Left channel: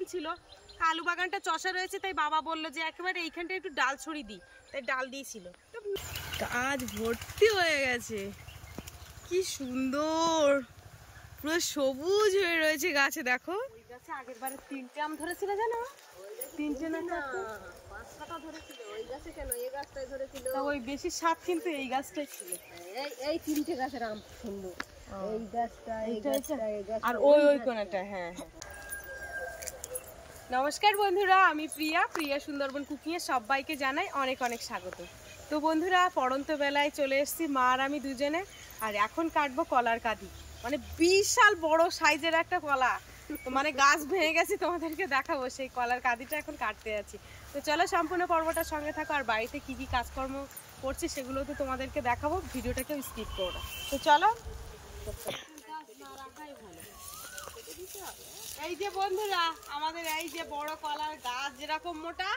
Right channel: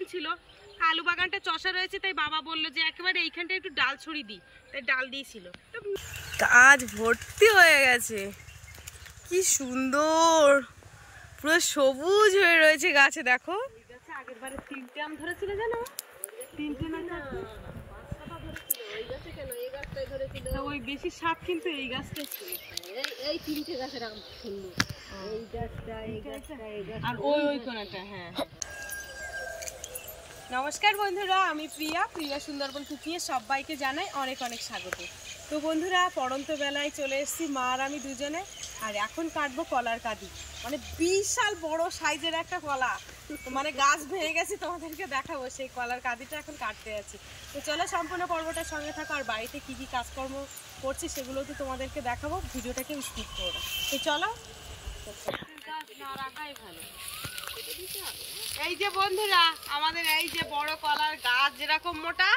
বাগান ছিল, আলু বাগানটা চষা রয়েছে, তাই বাবা বললো যে একেবারে এইখানটা একটু ডাল ছড়িয়ে দিই, তাই ডাল দিয়েছিল। গাছ ভর্তি হয়ে গেছে, কি সুন্দর, পুরো সবুজ হয়ে রয়েছে গাছে। দেখো আগের বারে 3টে আম ধরেছিল জানো, 3টে না 4টে, ওই বেশি স্বাদ কিন্তু এই গাছটাই ছিল। এই 3টে গাছের আম সুন্দর, এই গাছটা, এই গাছটা, এই গাছটা আর ওই কোনাটা। হ্যাঁ, নমস্কার বন্ধুরা, আমি প্রিয়া সুন্দরবন কুকিংয়ে সবাইকে জানাই অনেক অনেক স্বাগত। তো বন্ধুরা, পড়ন্ত বেলায় চলে এসেছি মা আর আমি দুজনে, আর এখন কাটবো কলার কাঁদি। মানে বিশাল বড় সাইজের একটা কলা, মানে গাছ ভেঙে গেছে, তোমাদেরকে দেখাবো সেই কলার কাঁদিটা এখন কাটতে আছি। তো চলো সম্পূর্ণ পর্বটার সঙ্গে থাকো, আর বাড়িতে কি কি কাজকর্ম করছে সেগুলো তো তোমাদেরকে দেখাবো, ভিডিওটাকে স্কিপ করো না। তো চলো, না রাখাই ভালো। এই যে বন্ধুরা, আমাদের এই যে বড় কলার গাছ যেরকম মোটা,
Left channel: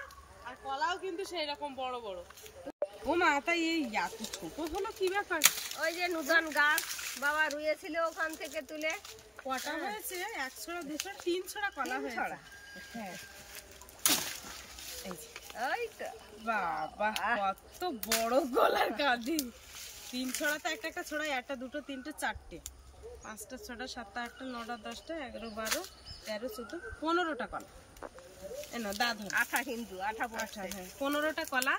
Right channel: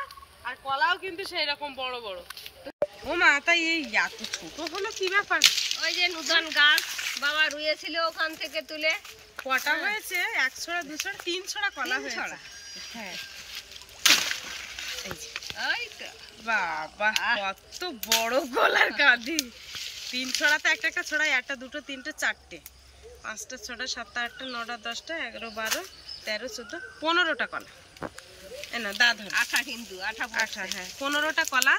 আর কলাও কিন্তু সেই রকম বড় বড়। ও মা, তাই এই এত ছোট হলো কি ব্যাপার? ওই যে নতুন গাছ বাবা রুয়েছিল, ওখান থেকে তুলে কটা হয়েছে? 1 ছড়া 2 ছড়া 3 ছড়া কলা হয়েছে। হ্যাঁ, এই তো বাবা কত বড় কলার কাঁদি। 3 ছড়াতে একটা একটা ছড়ায়, 1টা 2টো 3টে 4টে 5টা 6টা 7টা 8টা 9টা 10টা 11 12 13 14 15টা কলা। না দা ধর, আঠা, কিন্তু আঠা। হ্যাঁ 15টা কলা।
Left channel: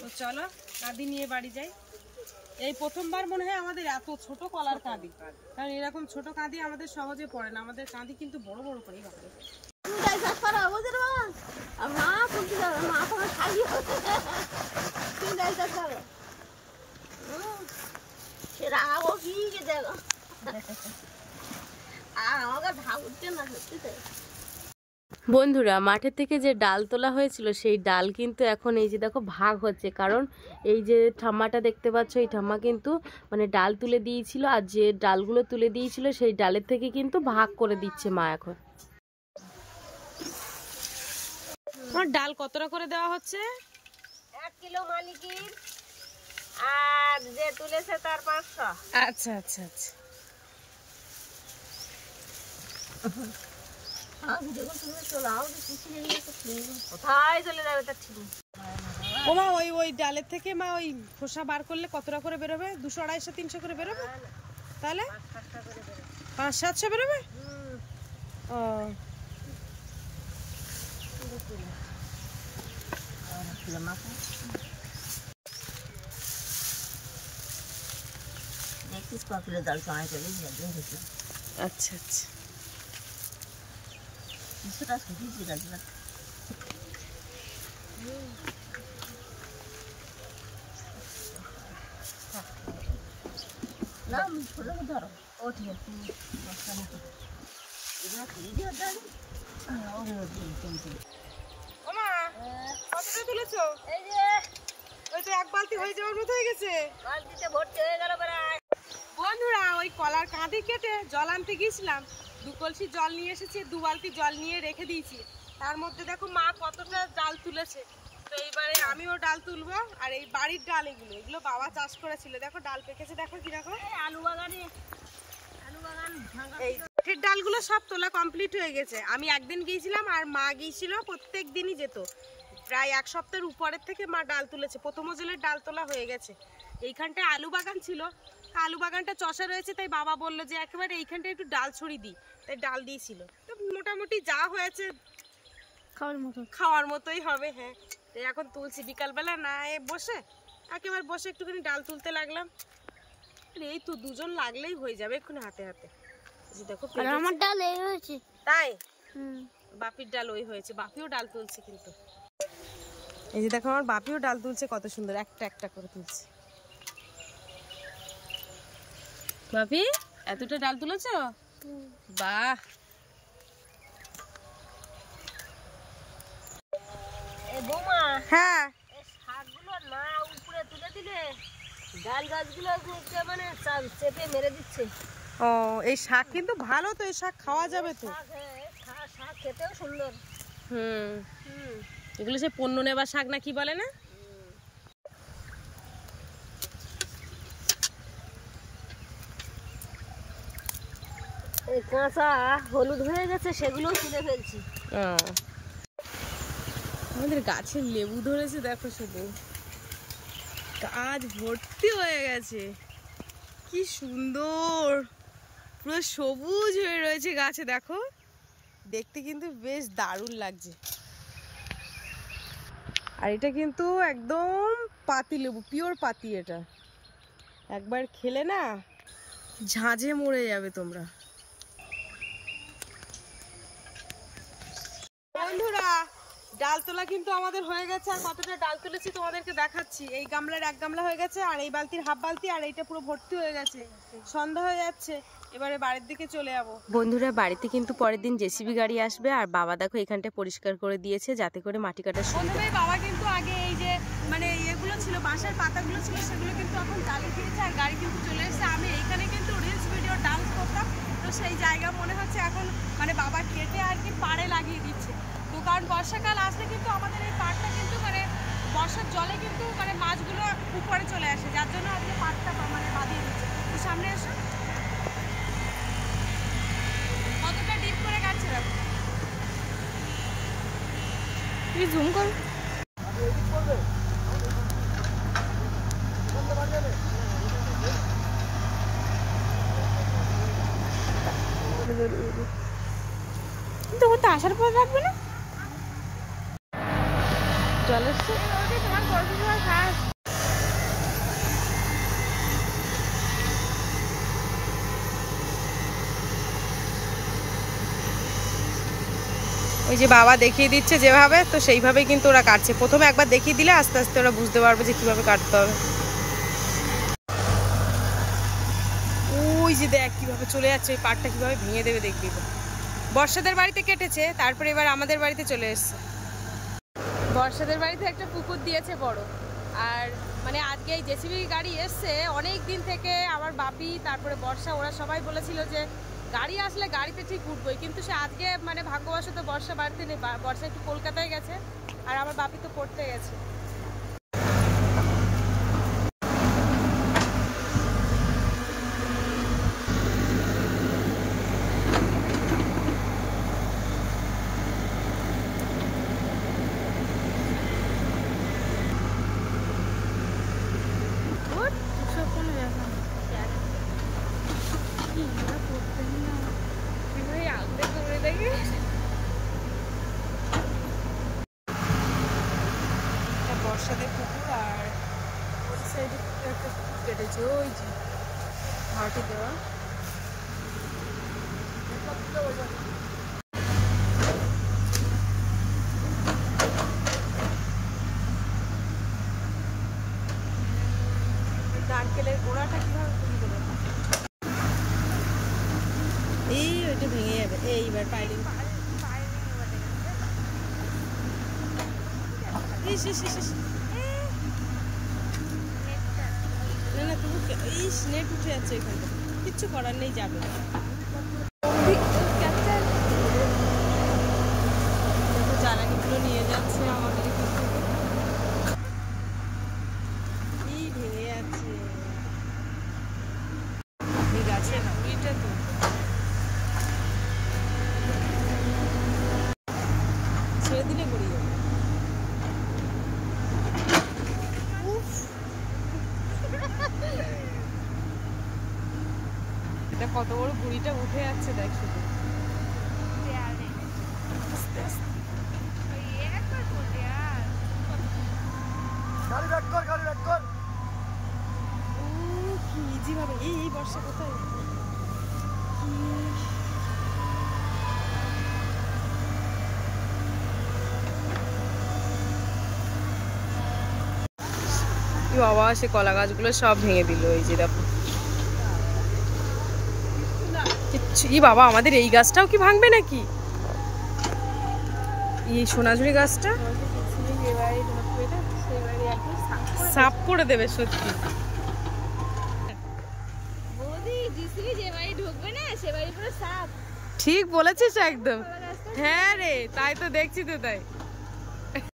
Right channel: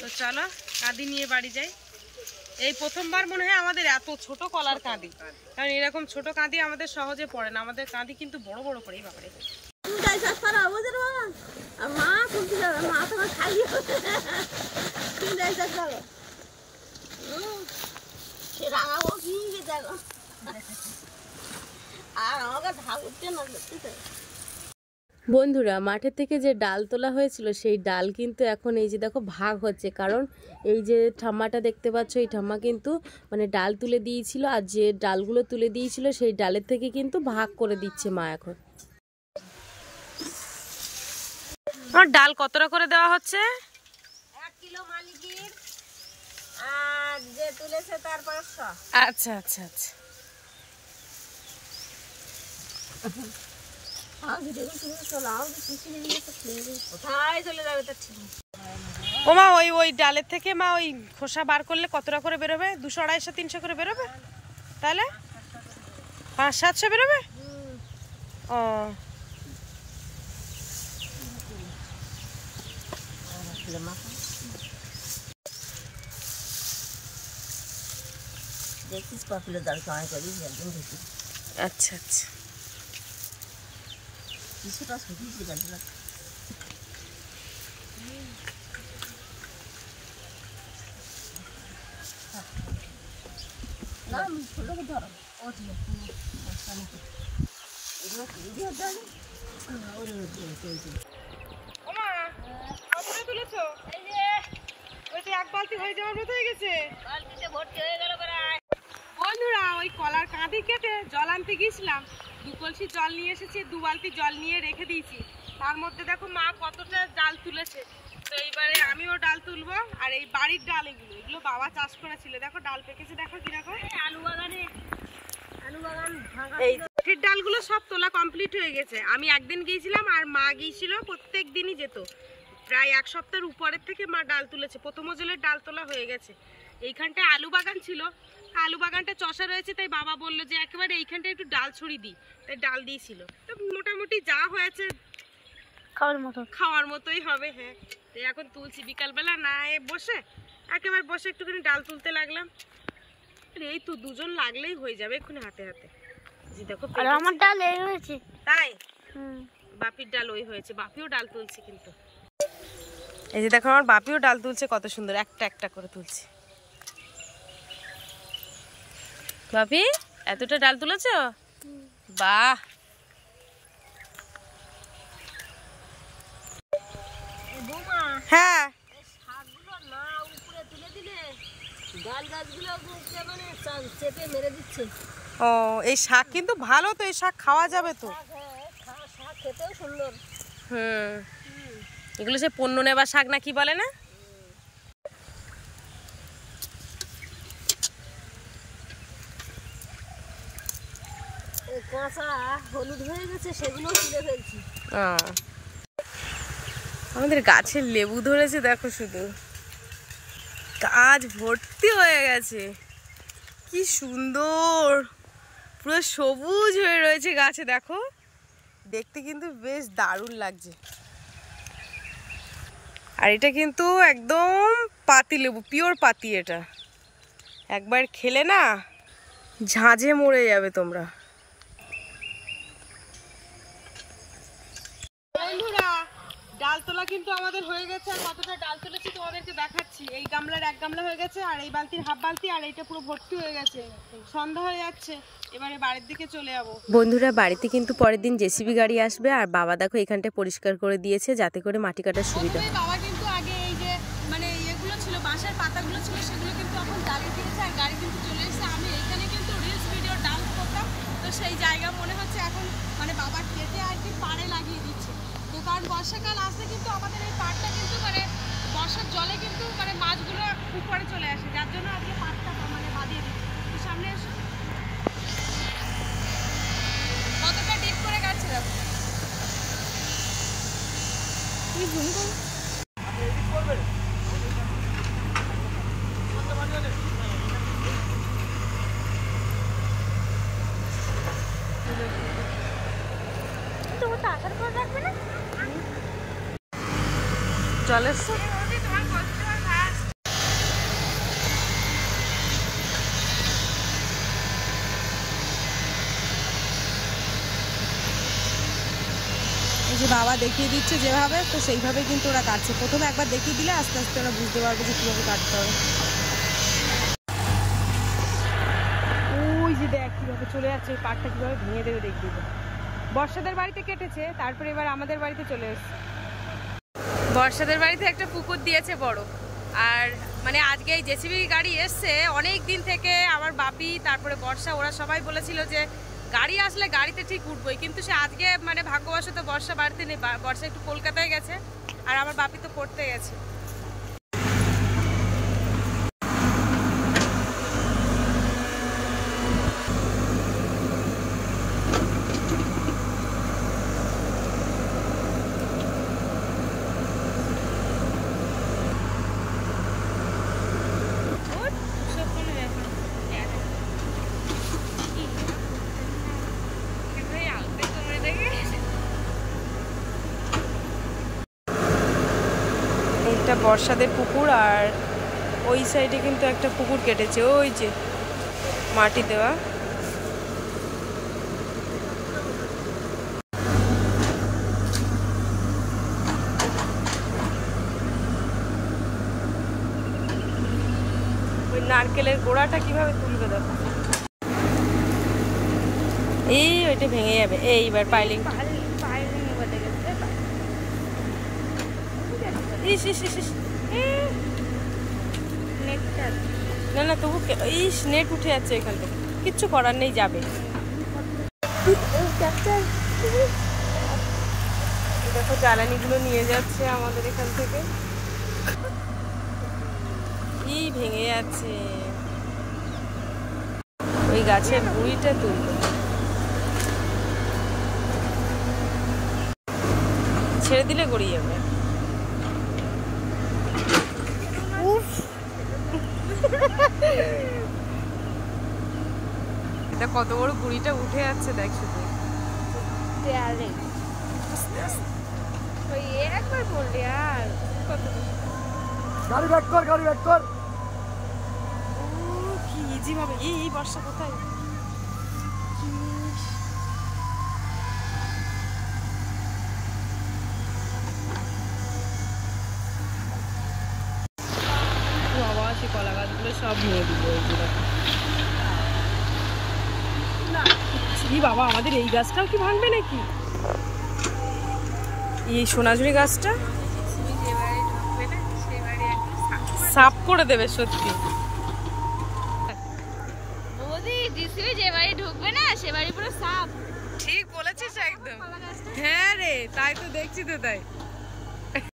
তো চলো কাঁদি নিয়ে বাড়ি যাই। এই প্রথমবার মনে হয় আমাদের এত ছোট কলার কাঁদি, কারণ এরকম ছোট কাঁদি আমাদের সহজে পড়ে না, আমাদের কাঁদি কিন্তু বড় বড় পড়ে। বাবারে বন্ধুরা, মাঠের থেকে যে ডাল তোলা হয়েছিল সেই ডাল কিন্তু এখন এই যে দেখো ভাগ হচ্ছে, কারণ এই যে ঠাম্মাটা দেখতে পাচ্ছ, এই ঠাম্মা কিন্তু মানে ডাল তুলে দিয়েছিল, আর যে ডালগুলো তুলে দিয়েছিল সেই ডালের থেকে কিন্তু ভাগ করে দিচ্ছে মা এখন। আমার ডাল কতটা করে দেওয়া হচ্ছে? 1 কিলো মালিকের, আর যে তুলেছে তার 500। আচ্ছা আচ্ছা আচ্ছা। কোথায় চলে যাবে তার ঠিক। ও মা, ওই ডালের থেকে মা ওই খোসা বার করলে কতটা করে বেরোবে? 200 250 300 করে বেরোবে? তাহলে 500 700 বেরোবে? ও আচ্ছা আচ্ছা। ধরো, ও ঠিক আছে। ওমা, কতটা তুলেছো? এই যে ওই তো 1 বালতি হয়ে যাওয়ার মতো হয়ে গেছে। বালতিতে ভর্তি হয়ে গেল। বন্ধুরা, ওই কলার কাঁদি কেটে জল আনতে গিয়েছিলাম, 2 কলসি জল নিয়ে এসেছি, 2 বালতি জল নিয়ে রেখে দিয়েছি। তার মধ্যে দেখো মা কতটা ডাল তুলেছে। তো এইবারে আমিও ডাল তুলবো, আর এই বাড়ির ডাল এগুলো বাবা চাষ করেছিল। দেখো ডাল পেকেছে, দেখো কিরকম। আলু বাগান এই মাঠের ডালগুলো সব তোলা কমপ্লিট হয়ে গেছে। আমি একদিন গিয়েছিলাম, আর মা গিয়েছিল, প্রত্যেক দিনই যেত। প্রায় 1 সপ্তাহের উপরের থেকে মা ডাল তুলেছে, প্রথম জলের ডাল তোলা হয়ে গেছে। এইখানটায় আলু বাগান ছিল, আলু বাগানটা চষা রয়েছে, তাই বাবা বললো যে একেবারে এইখানটা একটু ডাল ছড়িয়ে দিই, তাই ডাল দিয়েছিল। তো মোটামুটি যা হয়েছে খাওয়ার মতোই হবে। হ্যাঁ, তো এখন তুলছি বিকালবেলা না বসে, একেবারে বসে একটুখানি ডাল তুলতে লাগলাম। এই তো 2 জন লাগলেই হয়ে যাবে এক্ষুনি হাতে হাতে। দেখো আমার ডাল এই হয়েছে, তাই বাপির ডাল ওই হয়েছে, বাপিও ডাল তুলছে কিন্তু। এই যে দেখো আমার বাপিও ডাল তুলছে, কত সুন্দর একটা একটা করে তুলছে। বাপি, এতটা ডাল তুলেছ? বাহ। বৌমা, হ্যাঁ, শাকগুলো না উপরে তুলে দিলে ডাল গাছগুলো মানে চেপে মেরে দিচ্ছে। ও, এই শাক কিন্তু ভালো, তো এই শাক খাওয়া যাবে তো। শাক খেতেও সুন্দর। এগুলো সে পণ্য নেবার শাক না কি বলে না? কাঁচা হলুদ হয়ে গেছে, সেগুলো তুলে ফেলছি। আমাদের গাছের লেবু ধরেছে দেখো, শুধু গাছ ভর্তি হয়ে গেছে, কি সুন্দর পুরো সবুজ হয়ে রয়েছে গাছে, দেখো দেখতে কিন্তু বেশ দারুণ লাগছে। আর এটা কিন্তু একদম পাতি লেবু, পিওর পাতি, এটা একবার খেলে না ঝাঁঝে মরে যাবে তোমরা। বন্ধুরা ডাল তোলা কিন্তু আমাদের হয়ে গেছে, আর কতটা ডাল তুলেছি তোমাদেরকে দেখাচ্ছি। এই গামলার এক গামলা হয়ে গেছে, আর এই বালতির হাফ বালতি, আর এইটা পুরো ভর্তি হয়ে গেছে। সন্ধ্যা হয়ে যাচ্ছে, এবারে বাড়ির দিকে চলে যাবো। বন্ধুরা বাড়িতে কিন্তু পরের দিন জেসিবি গাড়ি আসবে, আর বাবা দেখো এখানটা পরিষ্কার করে দিয়েছে যাতে করে মাটি কাটার সুবিধা। বাবা কিন্তু আগে এই যে মানে ইয়েগুলো ছিল, বাঁশের পাতাগুলো ছিল, সেগুলো কিন্তু এখন জ্বালিয়ে দিয়েছে, আর গাড়ি কিন্তু চলে এসেছে। আমি এইখানে কিন্তু রিলস ভিডিও ডান্স করতাম, তো সেই জায়গা মনে হচ্ছে এখন মানে বাবা কেটে আর কি পাড়ে লাগিয়ে দিচ্ছে। তো কারণ বর্ষাকাল আসলে কিন্তু আমাদের এই পাড়টা কিন্তু মানে বর্ষার জলে কিন্তু মানে মাছগুলো উপরে চলে আসে, যার জন্য আজকে পাড়টা মানে বাঁধিয়ে দিচ্ছে। তো সামনে এসে কতটা ডিপ করে কাটছে দেখো, তুমি জুম করো। আসার পর রাখবে না জলের তোমার এই যে বাবা দেখিয়ে দিচ্ছে যেভাবে, তো সেইভাবে কিন্তু ওরা কাটছে। প্রথমে একবার দেখিয়ে দিলে আস্তে আস্তে ওরা বুঝতে পারবে যে কিভাবে কাটতে হবে। ওই যে দেখ কিভাবে চলে যাচ্ছে, ওই পাটটা কিভাবে ভেঙে দেবে দেখবি। বর্ষাদের বাড়িতে কেটেছে, তারপরে এবার আমাদের বাড়িতে চলে এসছে। বর্ষাদের বাড়িতে একটা পুকুর দিয়েছে বড়, আর মানে আজকে এই জেসিবি গাড়ি এসছে অনেক দিন থেকে। আমার বাপি তারপরে বর্ষা ওরা সবাই বলেছিল যে গাড়ি আসলে গাড়িতে ঠিক উঠবোই, কিন্তু সে আজকে মানে ভাগ্যবশত বর্ষা বাড়িতে নেই, বর্ষা একটু কলকাতায় গেছে, আর আমার বাপি তো পড়তে গেছে। এটা বর্ষাদের পুকুর, আর ওই সাইডে কিন্তু একটা পুকুর কেটেছে, ওই যে মাটি দেওয়া। ওই নারকেলের গোড়াটা কিভাবে তুলবে দেখো, এই ওইটা ভেঙে যাবে। এইবার পাইলিং না না, তবু ইস নেট উঠে যাচ্ছে এখান থেকে, কিচ্ছু করার নেই, যাবে। দেখো জ্বালানিগুলো নিয়ে যাচ্ছে আমাদের এখান থেকে, এই ভেঙে যাচ্ছে। ওই গাছের গুঁড়িটা তুলবে, ছেড়ে দিলে গড়িয়ে যাবে। এটা কত বড় গুড়িটা উঠে যাচ্ছে দেখ শুধু। কি ইজি ভাবে, এই বর্ষা কোথায়, বাবা সে কলা গাছগুলো সব ভেঙে দিল। এই যে দেখো কি বাবা, আমাদের এই গাছটাও কি ভাঙবে নাকি? এই সোনাঝুরি গাছটা সাফ করে দেবে সত্যি। ঢুকবে না সে বাড়ি পুরো সাফ, ঠিক বলেছিস একদম। হ্যাঁ রে, তাই তো দেখছি তো, তাই